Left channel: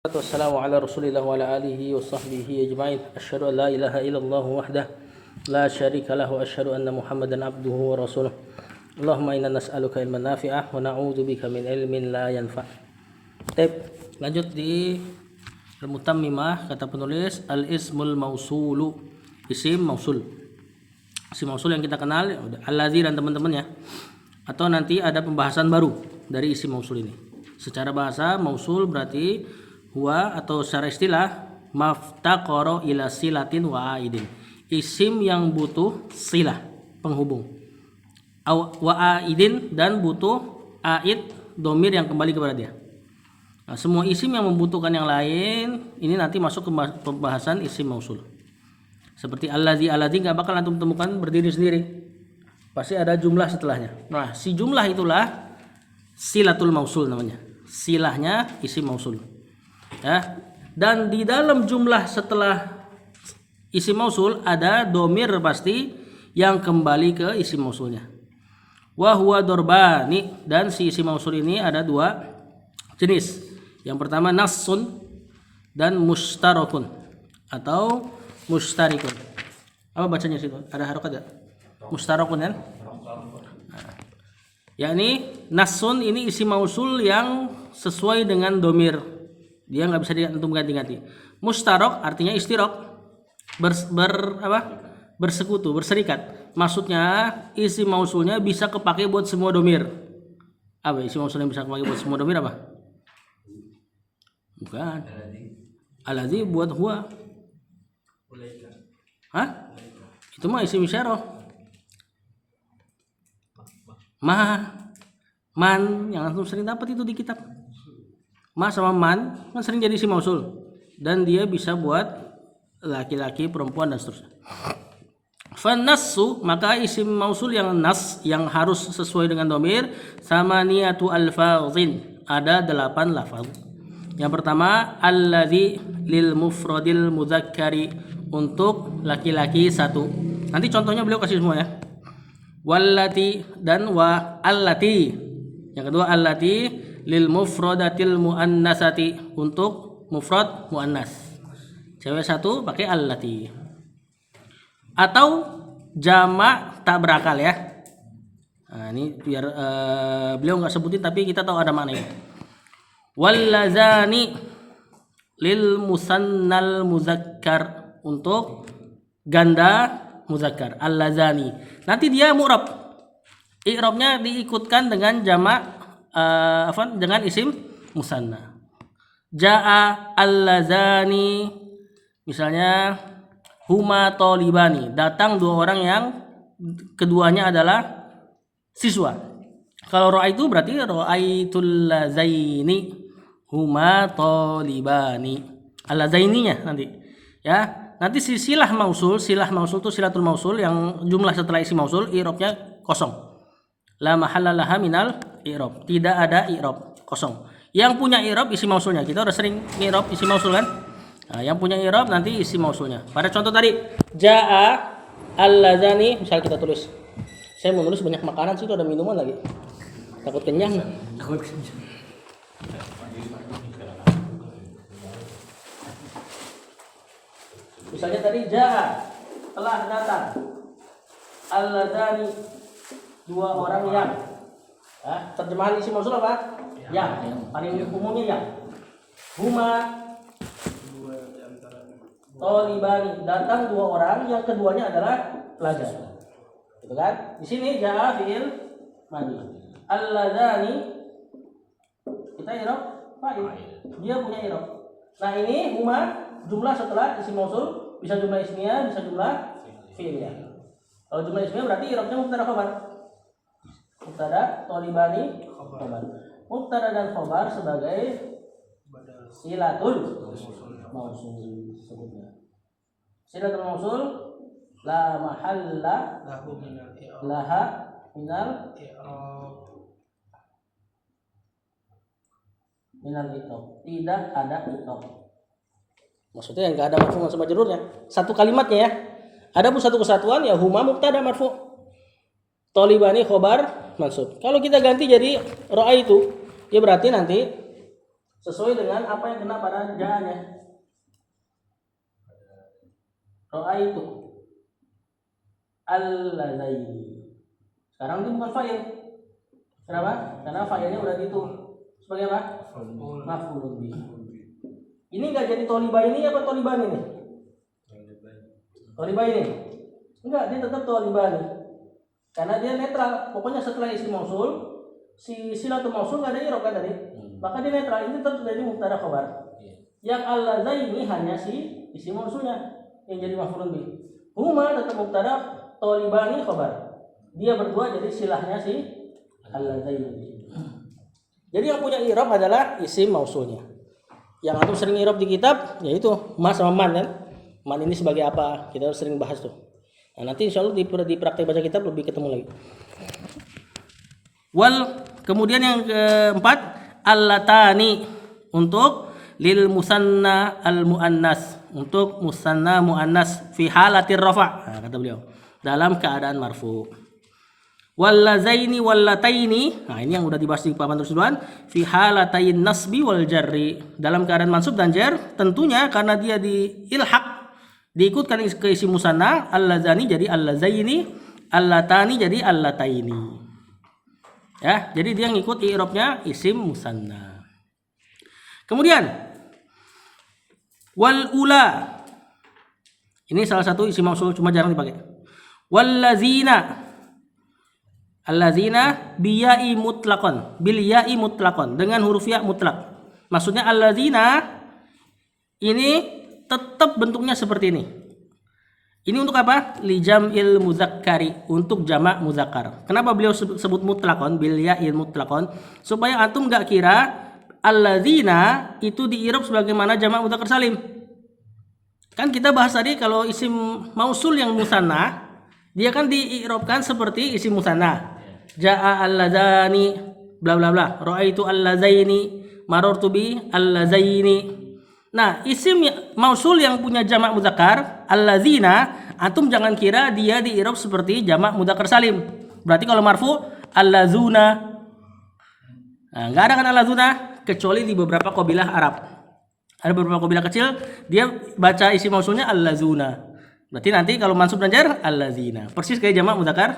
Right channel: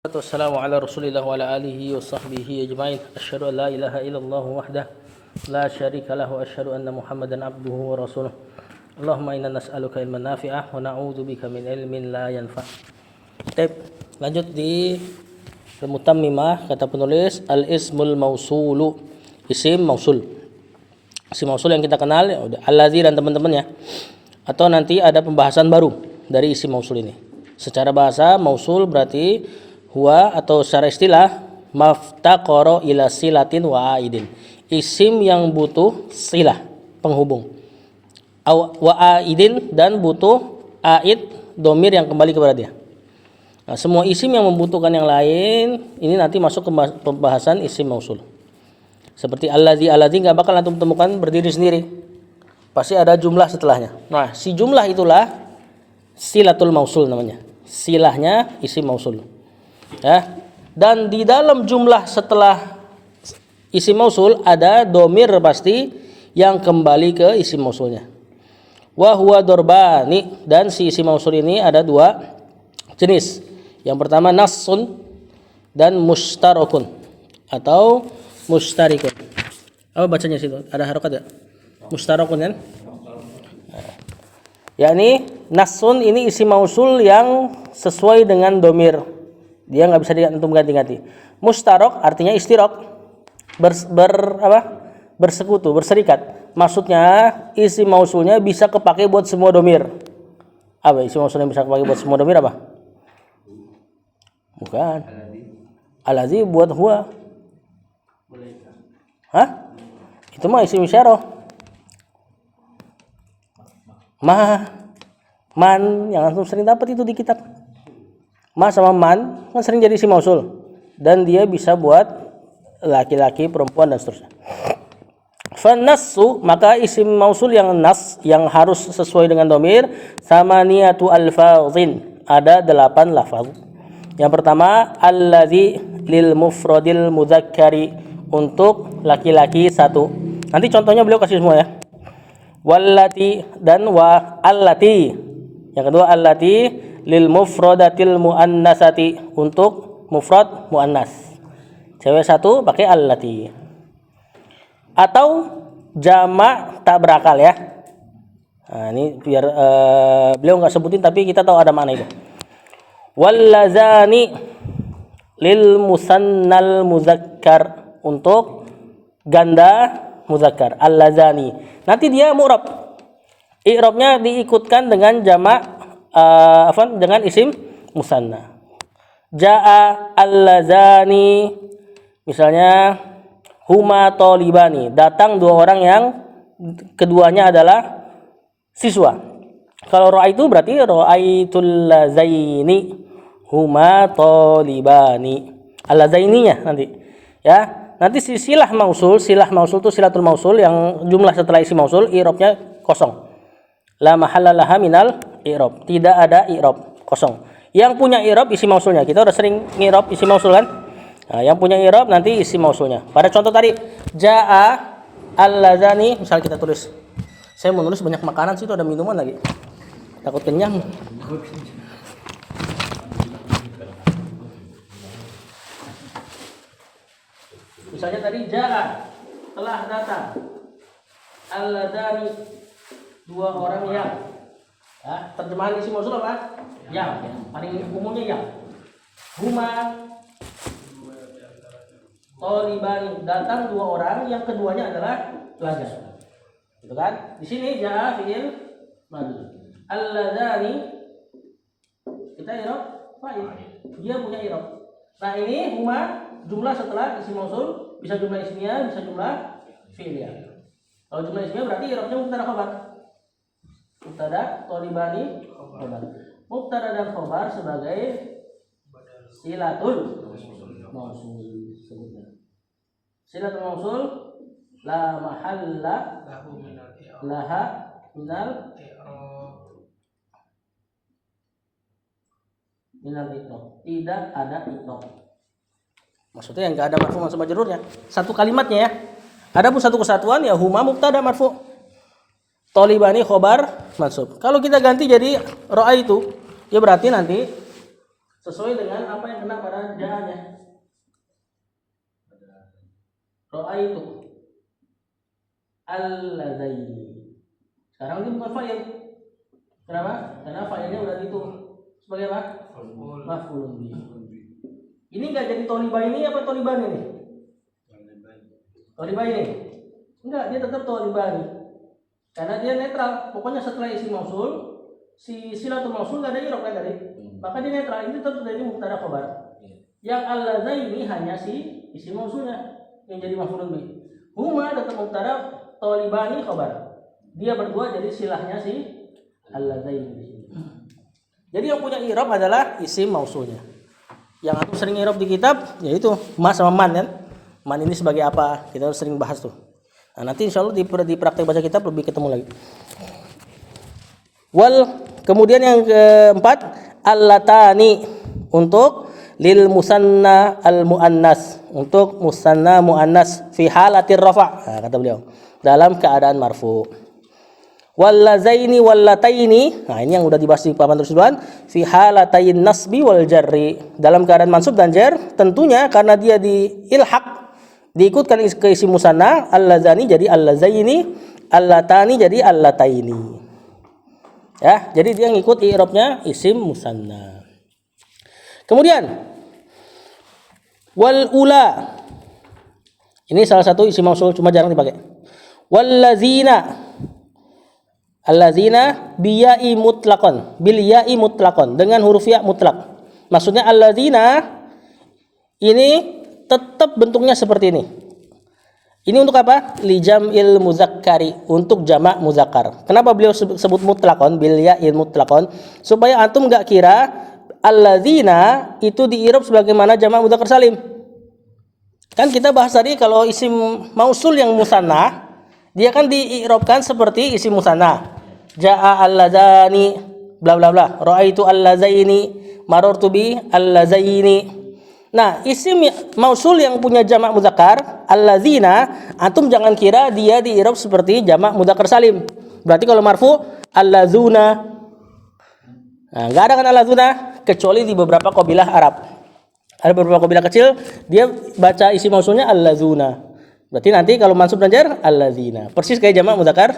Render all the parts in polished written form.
Wassalamu ala rasulillah wa ala alihi wa sahbihi ajma'in. Asyhadu an la ilaha illallah wahdah la syarika lahu wa asyhadu anna Muhammadan abduhu wa rasuluh. Allahumma inna nas'aluka ilman nafi'ah wa na'udzu bika min ilmin la yanfa'. Baik, lanjut di Al-Mutammimah, kata penulis al-ismul mausulu, isim mausul. Isim mausul yang kita kenal ya udah alladzi dan teman-temannya. Atau nanti ada pembahasan baru dari isim mausul ini. Secara bahasa mausul berarti huwa atau secara istilah maftaqara ila silatin wa aidin, isim yang butuh silah penghubung, wa aidin dan butuh aid domir yang kembali kepada dia. Nah, semua isim yang membutuhkan yang lain ini nanti masuk ke pembahasan isim mausul. Seperti alladzi nggak bakal antum temukan berdiri sendiri, pasti ada jumlah setelahnya. Nah, si jumlah itulah silatul mausul namanya, silahnya isim mausul. Ya, dan di dalam jumlah setelah isim mausul ada domir pasti yang kembali ke isim mausulnya. Wa huwa dorbani, dan si isim mausul ini ada dua jenis. Yang pertama nassun dan mustarakun atau mustarikun. Apa bacanya situ? Ada harokat ya? Mustarakun kan? Yakni nassun ini isim mausul yang sesuai dengan domir. Dia nggak bisa diantum ganti-ganti. Mustarok artinya istirok, bersekutu, berserikat. Maksudnya isim mausulnya bisa kepake buat semua domir. Apa isim mausul yang bisa kepake buat semua domir apa? Bukan. Alladzi buat huwa. Hah? Itu mah isim isyarah. Man yang antum sering dapat itu di kitab. Ma sama man kan sering jadi isim mausul, dan dia bisa buat laki-laki, perempuan dan seterusnya. Fanassu, maka isim mausul yang nas yang harus sesuai dengan domir sama niatu alfazin, ada 8 lafaz. Yang pertama alladzi lil mufradil mudzakkari, untuk laki-laki 1. Nanti contohnya beliau kasih semua ya. Wallati dan wa allati. Yang kedua allati lil mufradatil muannasati, untuk mufrad muannas. Cewek 1 pakai allati. Atau jamak tak berakal ya. Nah, ini biar beliau enggak sebutin tapi kita tahu ada makna itu. Wallazani lil musannal muzakkar, untuk ganda muzakkar. Allazani. Nanti dia mu'rab. I'rabnya diikutkan dengan jamak dengan isim musanna. Jaa allazani, misalnya huma talibani, datang 2 orang yang keduanya adalah siswa. Kalau ra'aitu berarti ra'aitul lazaini huma talibani. Allazaininya nanti. Ya, nanti silah mausul itu silatul mausul yang jumlah setelah isim mausul i'rabnya kosong. La mahalla laha minal i'rab, tidak ada i'rab, kosong. Yang punya i'rab isim mausulnya. Kita udah sering i'rab isim mausul kan? Nah, yang punya i'rab nanti isim mausulnya. Pada contoh tadi jaa allazani, misal kita tulis. Saya mau nulis banyak makanan sih, itu ada minuman lagi. Takut kenyang. Misalnya tadi jaa, telah datang. Allazani, 2 orang yang. Ya, terjemahan isim mausul apa? Yang. Paling umumnya yang. Huma talibani, datang 2 orang yang keduanya adalah pelajar. Gitu kan? Di sini jaa fi'il madhi. Alladzani kita i'rab fa'il. Dia punya i'rab. Nah, ini huma jumlah setelah isim mausul, bisa jumlah ismiyah, bisa jumlah fi'iliyah. Kalau jumlah ismiyah berarti i'rabnya mubtada khabar. Mubtada talibani khabar. Mubtada dan khabar sebagai silatul mausul sebutnya. Silatul mausul la mahalla laha minal i'rab. Tidak ada i'rab. Maksudnya yang enggak ada marfu sama majrurnya. Satu kalimatnya ya. Adapun satu kesatuan ya huma mubtada marfu. Talibani khobar mansub. Kalau kita ganti jadi ro'a itu, ya berarti nanti sesuai dengan apa yang kena pada ja'anya. Ra'aitu al-ladzaini. Sekarang ini bukan fa'il. Kenapa? Karena fa'ilnya udah itu sebagai apa? Maf'ulun bih. Ini enggak jadi tolibaini apa tolibani nih? Tolibaini. Enggak, dia tetap tolibani. Karena dia netral. Pokoknya setelah isim mausul, si silatul mausul enggak ada i'rab kan tadi. Maka dia netral, ini tetap jadi mubtada khabar. Yang al-ladzaini hanya si isim mausulnya yang jadi maf'ulun bih. Huma tetap mubtada, tolibani khabar. Dia berdua jadi silahnya si al-ladzaini. Jadi yang punya i'rab adalah isim mausulnya. Yang antum sering i'rab di kitab yaitu ma sama man kan. Man ini sebagai apa? Kita sering bahas tuh. Nah, nanti insyaallah di praktek baca kitab lebih ketemu lagi. Kemudian yang keempat allatani untuk lil musanna al muannas, untuk musanna muannas fi halatir rafa'. Nah, kata beliau dalam keadaan marfu. Wallazaini wallataini, nah ini yang udah dibahas di papan tersebut, fi halatayn nasbi wal jarri, dalam keadaan mansub dan jar, tentunya karena dia diilhaq, diikutkan ke isim musanna, allazani jadi allazaini, allatani jadi allataini. Ya, jadi dia ngikut i'rabnya isim musanna. Kemudian wal ula, ini salah satu isim mausul cuma jarang dipakai. Wallazina, allazina biya'i mutlaqan, bil ya'i mutlaqan, dengan huruf ya mutlak. Maksudnya allazina ini tetap bentuknya seperti ini. Ini untuk apa? Li jam'il muzakkari, untuk jamak muzakkar. Kenapa beliau sebut mutlaqan bil ya'i mutlaqan? Supaya antum enggak kira allazina itu diirab sebagaimana jamak mudzakkar salim. Kan kita bahas tadi kalau isim mausul yang musanna dia kan diirobkan seperti isim musanna. Ja'a alladzani bla bla bla, ra'aitu allazaini, marartu bi allazaini. Nah, isim mausul yang punya jamak muzakkar allazina, antum jangan kira dia diirob seperti jamak mudzakkar salim. Berarti kalau marfu allazuna. Nah, enggak ada kan allazuna kecuali di beberapa qabilah Arab. Ada beberapa qabilah kecil dia baca isim mausulnya allazuna. Berarti nanti kalau mansub dan jar allazina, persis kayak jamak mudzakkar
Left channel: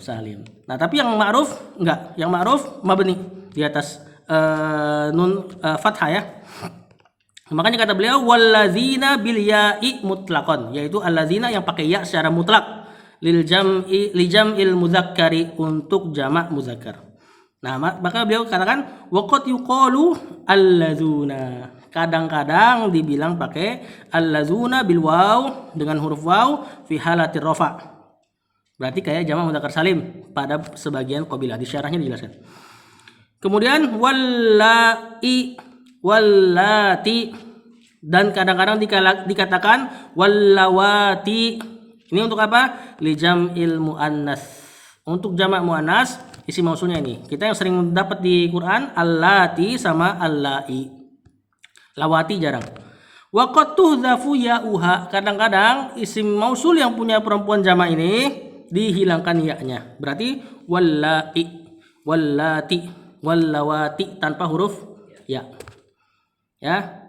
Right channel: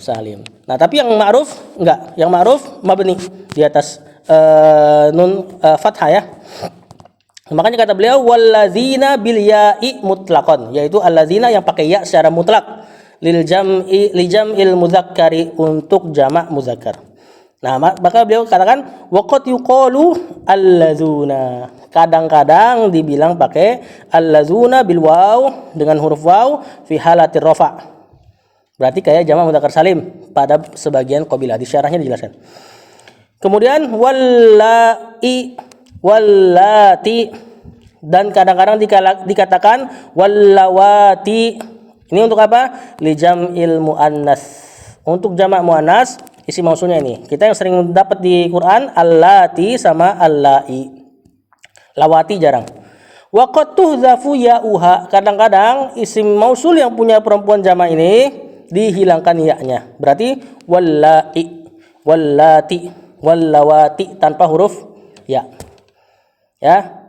salim. Nah, tapi yang ma'ruf enggak, yang ma'ruf mabni di atas nun fathah ya. Makanya kata beliau wallazina bil ya'i mutlaqan, yaitu allazina yang pakai ya secara mutlak, li jam'il mudzakkari, untuk jamak muzakkar. Nah, maka beliau katakan waqad yuqalu allazuna, kadang-kadang dibilang pakai allazuna bil waw, dengan huruf waw fi halatir rafa'. Berarti kayak jamak mudzakkar salim pada sebagian qabilah, di syarahnya dijelaskan. Kemudian wallati, dan kadang-kadang dikatakan wallawati. Ini untuk apa? Li jam'il muannas, untuk jamak muannas isim mausulnya ini. Kita yang sering dapat di Quran allati sama allai. Lawati jarang. Wa qad tuhzafu ya'uha, kadang-kadang isim mausul yang punya perempuan jamak ini dihilangkan ya-nya. Berarti wallai, wallati, wallawati tanpa huruf ya. Ya.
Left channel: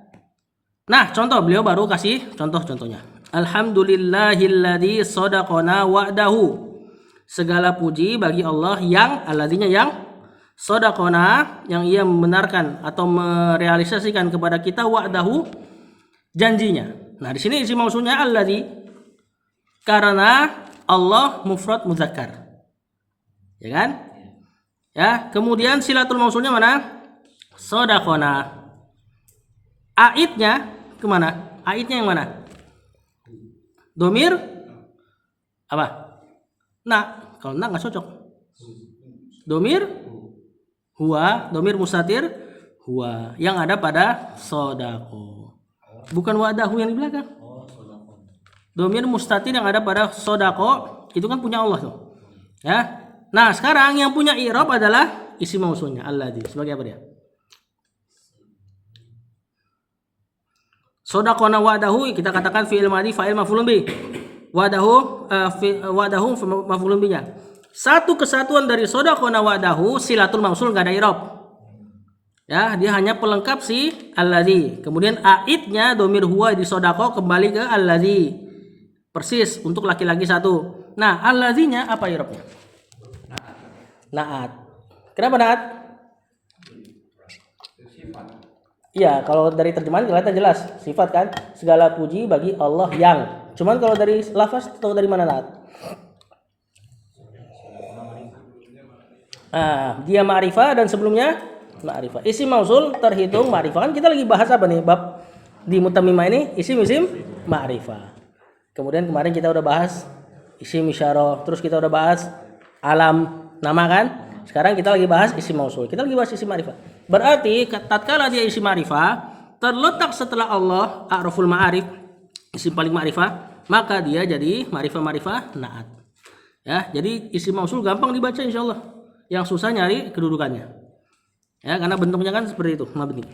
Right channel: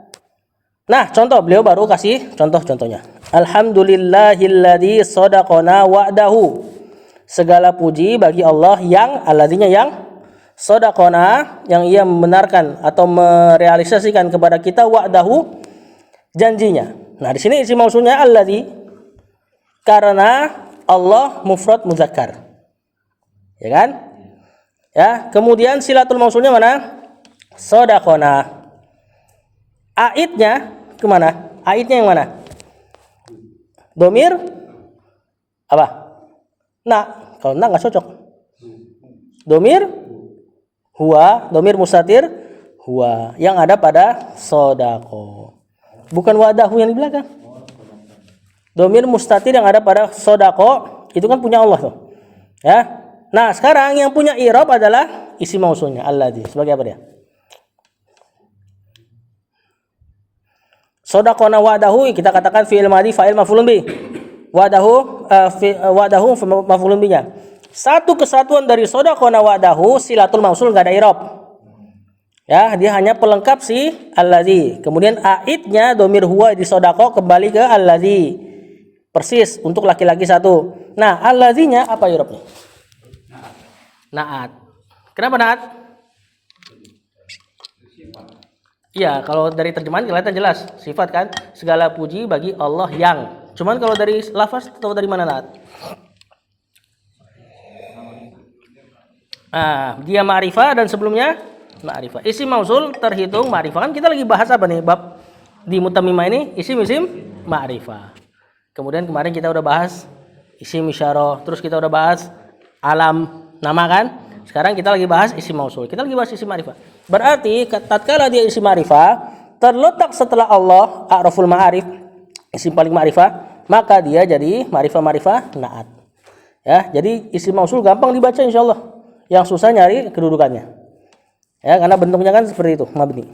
Nah, contoh beliau baru kasih contoh-contohnya. Alhamdulillahilladzi shadaqana wa'dahu. Segala puji bagi Allah yang alladzinya yang shadaqana, yang ia membenarkan atau merealisasikan kepada kita wa'dahu, janjinya. Nah, di sini isim mausulnya alladzi karena Allah mufrad muzakkar. Ya kan? Ya, kemudian silatul mausulnya mana? Shadaqana. Aidnya kemana? Aidnya yang mana? Domir apa? Nah, kalau nah nggak cocok. Domir huwa, domir mustatir huwa, yang ada pada sodako, bukan wadahu yang di belakang. Domir mustatir yang ada pada sodako itu kan punya Allah tuh. Ya. Nah, sekarang yang punya i'rab adalah isim mausulnya alladzi. Sebagai apa dia? Sodaqona wa'dahu kita katakan fi'il madhi fa'il maf'ulun bih. Wa'dahu maf'ulun bihnya. Satu kesatuan dari sodaqona wa'dahu silatul mausul enggak ada i'rab. Ya, dia hanya pelengkap si allazi. Kemudian aidnya domir huwa disodako kembali ke allazi. Persis untuk laki-laki satu. Nah, allazinya apa irobnya? Naat. Kenapa naat? Iya, kalau dari terjemahan kelihatan jelas sifat kan, segala puji bagi Allah yang. Cuman kalau dari lafaz tahu dari mana naat? Dia ma'rifah dan sebelumnya ma'rifah. Isim mausul terhitung ma'rifah. Kan kita lagi bahas apa nih? Bab di mutammimah ini isim ma'rifah. Kemudian kemarin kita udah bahas isim isyarah, terus kita udah bahas alam nama kan? Sekarang kita lagi bahas isim mausul. Kita lagi bahas isim ma'rifah. Berarti tatkala dia isim ma'rifah terletak setelah Allah a'raful ma'arif, isim paling ma'rifah, maka dia jadi ma'rifah naat. Ya, jadi isim mausul gampang dibaca insyaallah. Yang susah nyari kedudukannya. Ya, karena bentuknya kan seperti itu, mabni.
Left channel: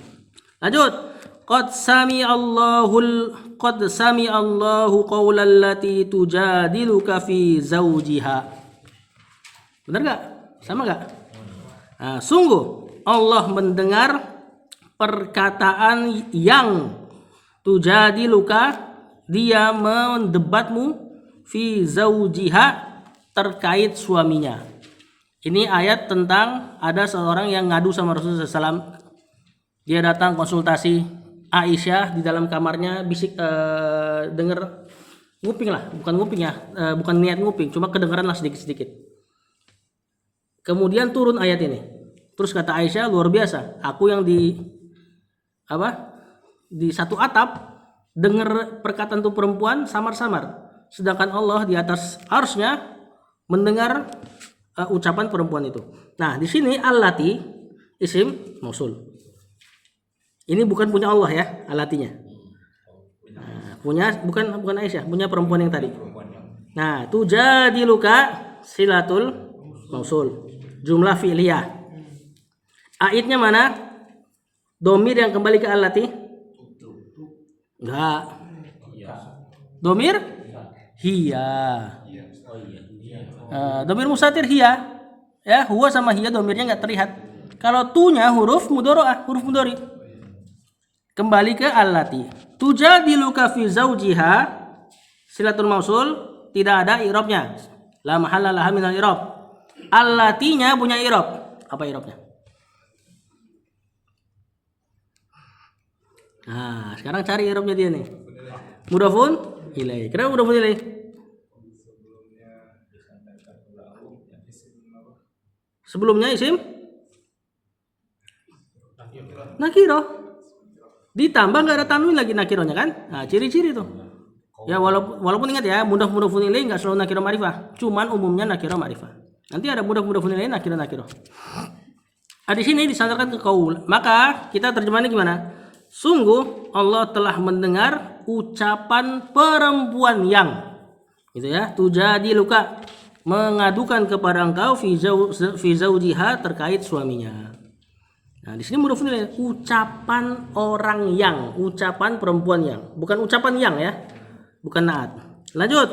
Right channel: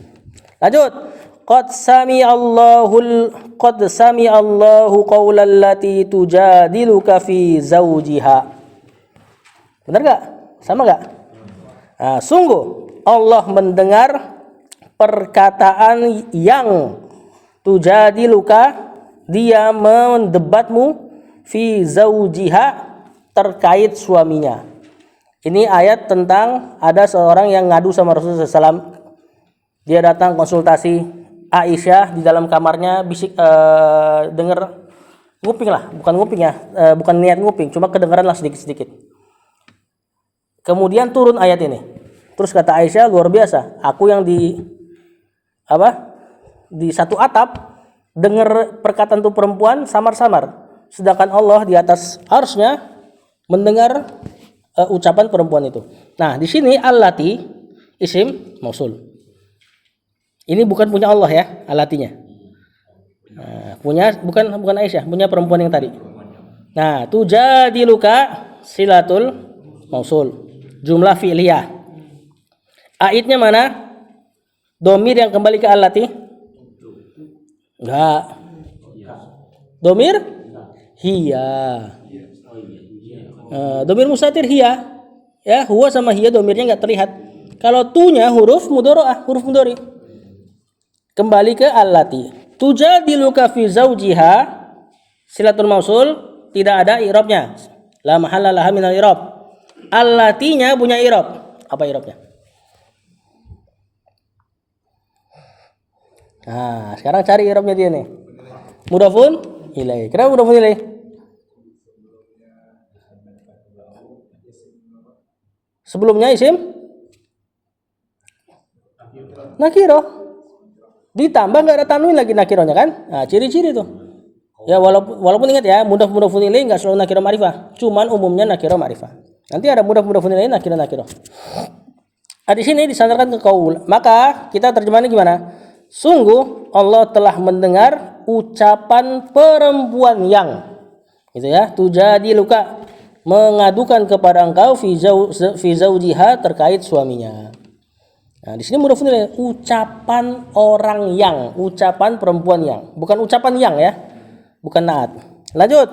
Lanjut. Qad sami Allahu qaulal lati tujadiluka fi zawjiha. Benar enggak? Sama enggak? Sungguh Allah mendengar perkataan yang tujadiluka, dia mendebatmu fi zawjiha, terkait suaminya. Ini ayat tentang ada seorang yang ngadu sama Rasulullah SAW. Dia datang konsultasi Aisyah di dalam kamarnya, bisik dengar nguping lah, bukan nguping ya, bukan niat nguping, cuma kedengaran lah sedikit-sedikit. Kemudian turun ayat ini. Terus kata Aisyah, luar biasa, aku yang di satu atap dengar perkataan tuh perempuan samar-samar, sedangkan Allah di atas arsy-Nya mendengar ucapan perempuan itu. Nah, di sini allati isim mausul. Ini bukan punya Allah ya, allatinya. Punya bukan Aisyah, punya perempuan yang tadi. Nah, tujadiluka silatul mausul. Jumlah fi'liyah. Aidnya mana? Domir yang kembali ke allati? Enggak. Domir? Hiya. Domir mustatir hiya. Ya, huwa sama hiya domirnya enggak terlihat. Kalau tunya huruf mudhari'ah, huruf mudhari'. Kembali ke allati. Tujadiluka fi zawjiha, silatul mausul tidak ada i'rabnya. La mahalla laha minal i'rab. Allatinya punya i'rab. Apa i'rabnya? Nah, sekarang cari i'rabnya dia nih. Mudhafun ilaih. Kenapa mudhafun ilaih? Sebelumnya isim nakirah. Ditambah nggak ada tanwin lagi nakirohnya kan? Nah, ciri-ciri tuh. Ya walaupun ingat ya, mudhaf ilaih nggak selalu nakirah ma'rifah, cuman umumnya nakirah ma'rifah. Nanti ada mudhaf ilaih nakirah. Di sini disandarkan ke qaul. Maka kita terjemahnya gimana? Sungguh Allah telah mendengar ucapan perempuan yang, gitu ya, tujadiluka, mengadukan kepada engkau fi zawjiha, terkait suaminya. Nah, di sini mudhafun ilaih, ucapan orang yang, ucapan perempuan yang, bukan ucapan yang ya, bukan naat. Lanjut.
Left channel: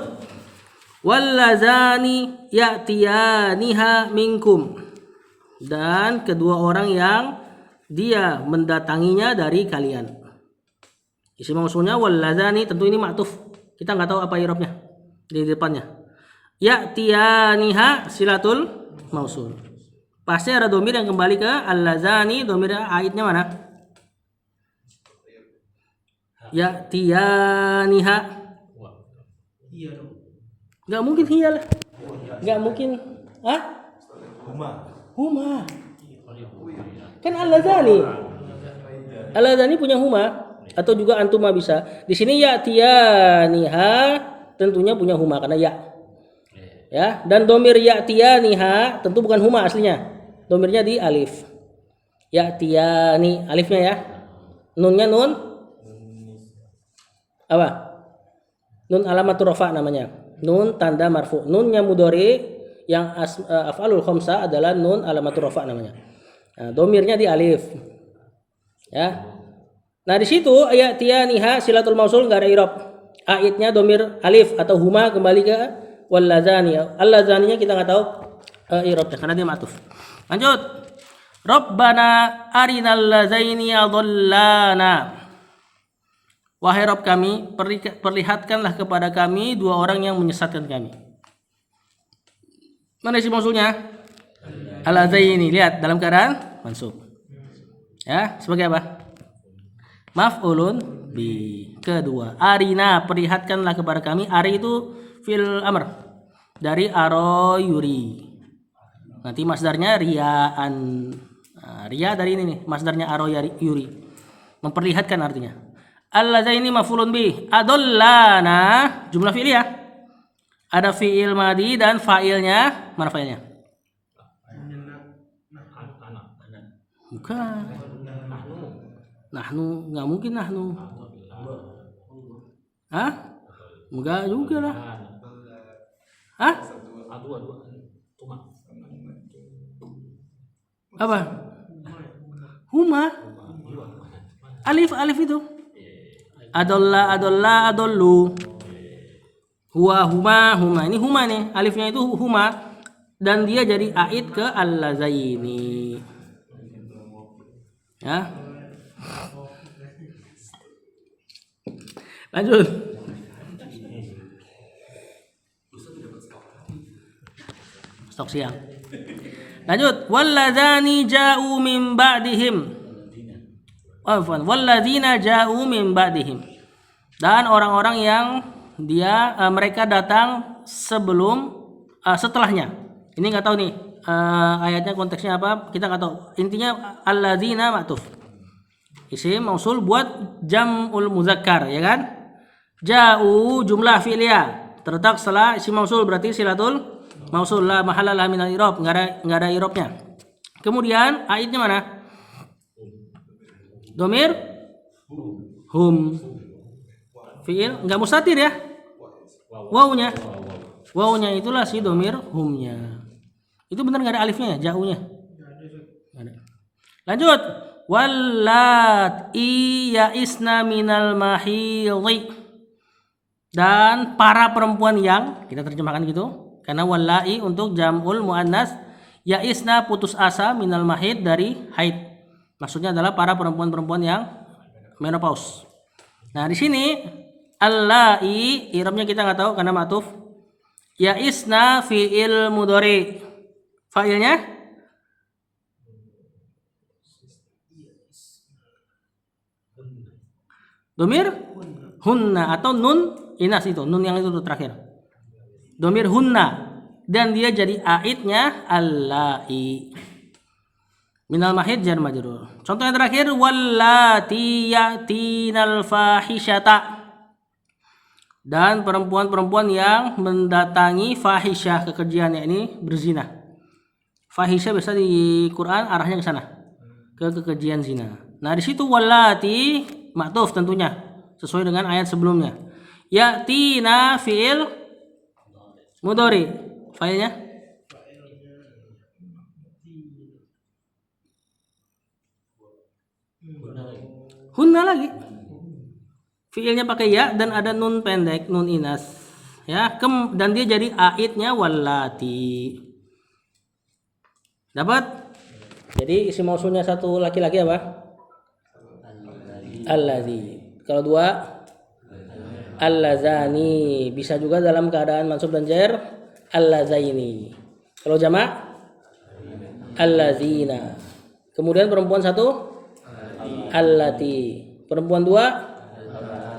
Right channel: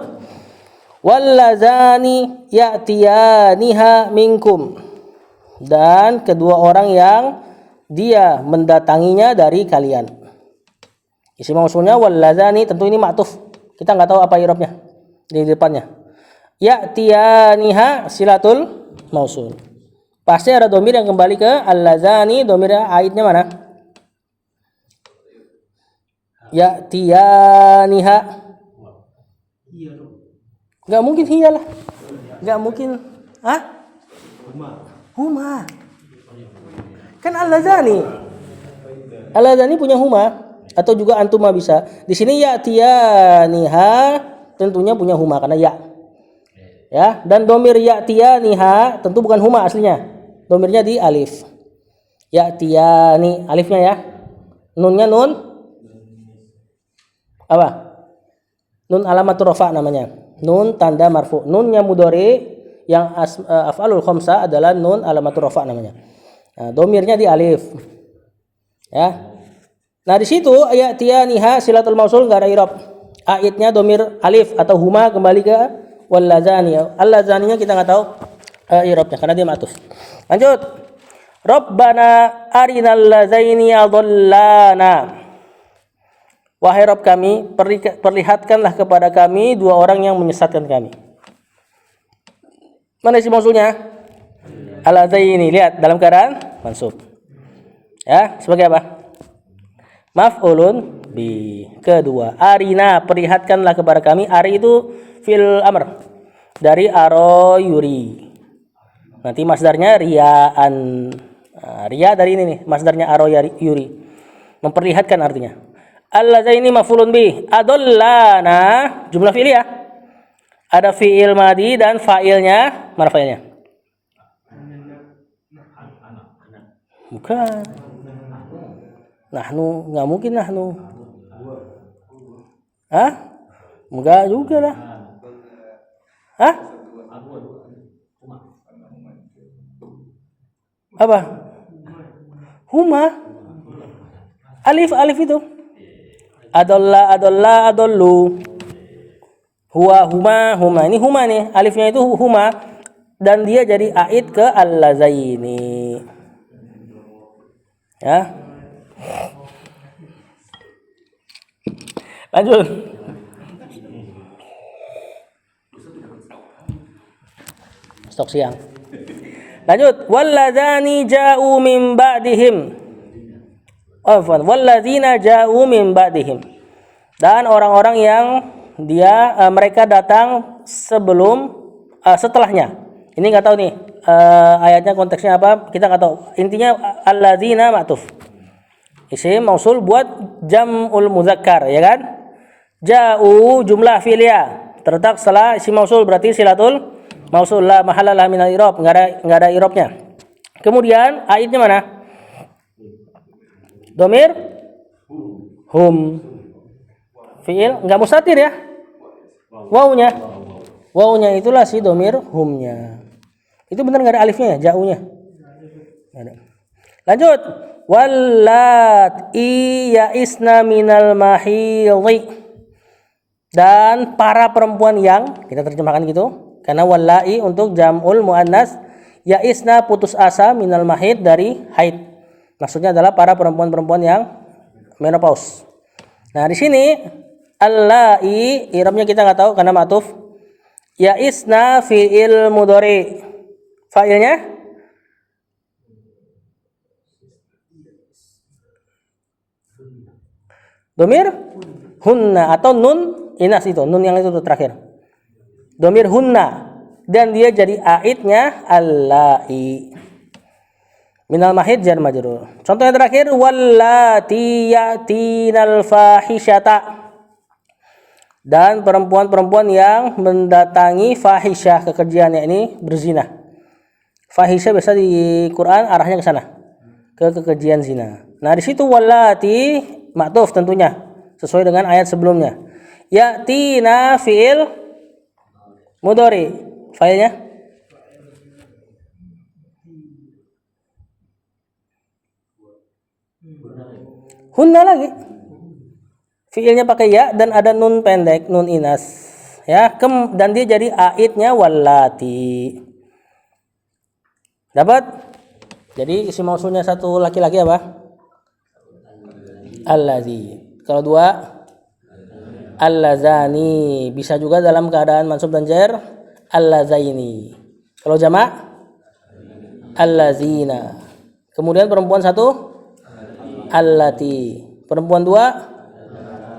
Walladzani ya'tiyaniha minkum, dan kedua orang yang dia mendatanginya dari kalian. Isim mausulnya walladzani, tentu ini ma'tuf. Kita nggak tahu apa i'rabnya di depannya. Ya'tiyaniha silatul mausul. Pasti ada domir yang kembali ke alladzani, domirnya aidnya mana? Ya'tiyaniha. Gak mungkin hiya lah. Gak mungkin. Huma. Kan alladzani. Alladzani punya huma, atau juga antuma bisa. Di sini ya'tiyaniha tentunya punya huma karena ya. Ya, dan domir ya'tiyaniha tentu bukan huma aslinya. Domirnya di alif. Ya'tiyani, alifnya ya. Nunnya nun apa? Nun alamatur rafa namanya. Nun tanda marfu. Nunnya mudhari, yang af'alul khamsah adalah nun alamatur rafa namanya. Nah, domirnya di alif. Ya. Nah, di situ ya'tiyaniha silatul mausul enggak ada i'rab. Aidnya domir alif atau huma kembali ke walladzani. Alladzaninya kita enggak tahu i'rabnya karena dia ma'tuf. Lanjut. Rabbana arinal ladzaini adallana. Wahai Rabb kami, perlihatkanlah kepada kami dua orang yang menyesatkan kami. Mana isim mausulnya? Al-ladzaini. Lihat dalam keadaan mansub. Ya, sebagai apa? Maf'ulun bi. Kedua, arina, perlihatkanlah kepada kami. Ari itu fil amr dari aro yuri. Nanti masdarnya riaan. Ria dari ini nih, masdarnya aro yuri. Memperlihatkan artinya. Alladzaini maf'ulun bi. Adallana jumlah fi'liyah. Ada fi'il madi dan fa'ilnya. Mana fa'ilnya? Bukan. Nahnu, nggak mungkin nahnu. Hah? Enggak juga lah. Hah? Apa? Huma. Alif itu. Adolla, adollu. Huwa, huma. Ini huma nih. Alifnya itu huma. Dan dia jadi aid ke al-ladzaini. Ya. Lanjut. Stok siang. Lanjut. Walladzani ja'u min ba'dihim. Walladzina ja'u min ba'dihim. Dan orang-orang yang mereka datang setelahnya. Ini nggak tahu nih ayatnya konteksnya apa, kita nggak tahu. Intinya alladzina ma'tuf. Isim mausul buat jam'ul mudzakkar, ya kan? Ja'u jumlah fi'liyah terletak setelah isim mausul, berarti silatul mausul la mahalla laha minal i'rab, enggak ada i'rabnya. Kemudian aidnya mana? Domir hum. Fi'il enggak mustatir ya? Wawunya itulah si domir humnya. Itu benar enggak ada alifnya ya, ja'unya? Ada. Lanjut. Wallati ya'isna minal mahidhi. Dan para perempuan yang, kita terjemahkan gitu, karena wallahi untuk jam'ul muannas, ya'isna putus asa minal mahid dari haid. Maksudnya adalah para perempuan-perempuan yang menopause. Nah, di sini allai i'rabnya kita nggak tahu karena ma'tuf. Ya'isna fi'il mudhari. Fa'ilnya domir hunna atau nun inas, itu nun yang itu terakhir. Domir hunna dan dia jadi aidnya allai. Minal mahid jar majrur. Contoh yang terakhir wallati ya'tinal fahisyata. Dan perempuan-perempuan yang mendatangi fahisyah, kekejian, yakni berzina. Fahisyah biasa di Quran arahnya ke sana, ke kekejian zina. Nah, di situ wallati ma'tuf tentunya sesuai dengan ayat sebelumnya. Ya'tina fi'il mudhari. Fa'ilnya hunna lagi. Fi'ilnya pakai ya dan ada nun pendek, nun inas. Ya, dan dia jadi aidnya wallati. Dapat? Jadi isim mausulnya satu laki-laki apa? Allazi. Kalau dua allazani. Bisa juga dalam keadaan mansub dan jar allazaini. Kalau jamak allazina. Kemudian perempuan satu allati. Perempuan dua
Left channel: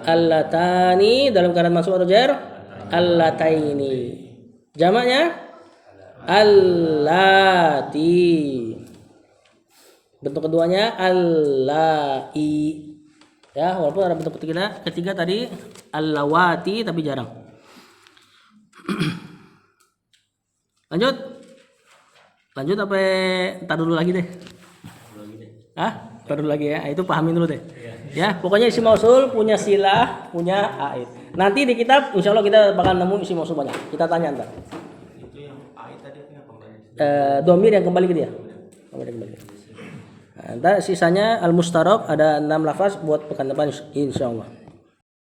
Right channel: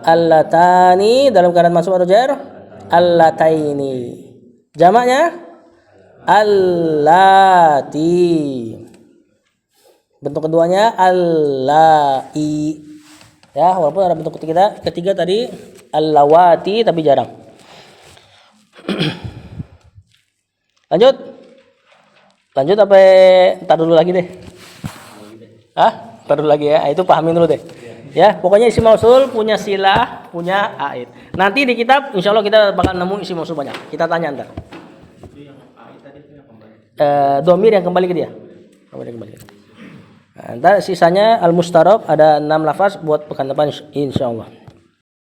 allatani, dalam keadaan mansub atau jar allataini. Jamaknya allati. Bentuk keduanya allai. Ya, walaupun ada bentuk ketiga tadi allawati tapi jarang. Lanjut apa? Entar dulu lagi deh. Entar dulu lagi ya. Itu pahamin dulu deh. Ya, pokoknya isim mausul punya silah, punya aid. Nanti di kitab insya Allah kita bakal nemu isim mausul banyak. Kita tanya ntar. Itu yang aid tadi domir yang kembali ke dia. Nah, ntar sisanya al-mustarab ada 6 lafaz buat pekan depan insya Allah.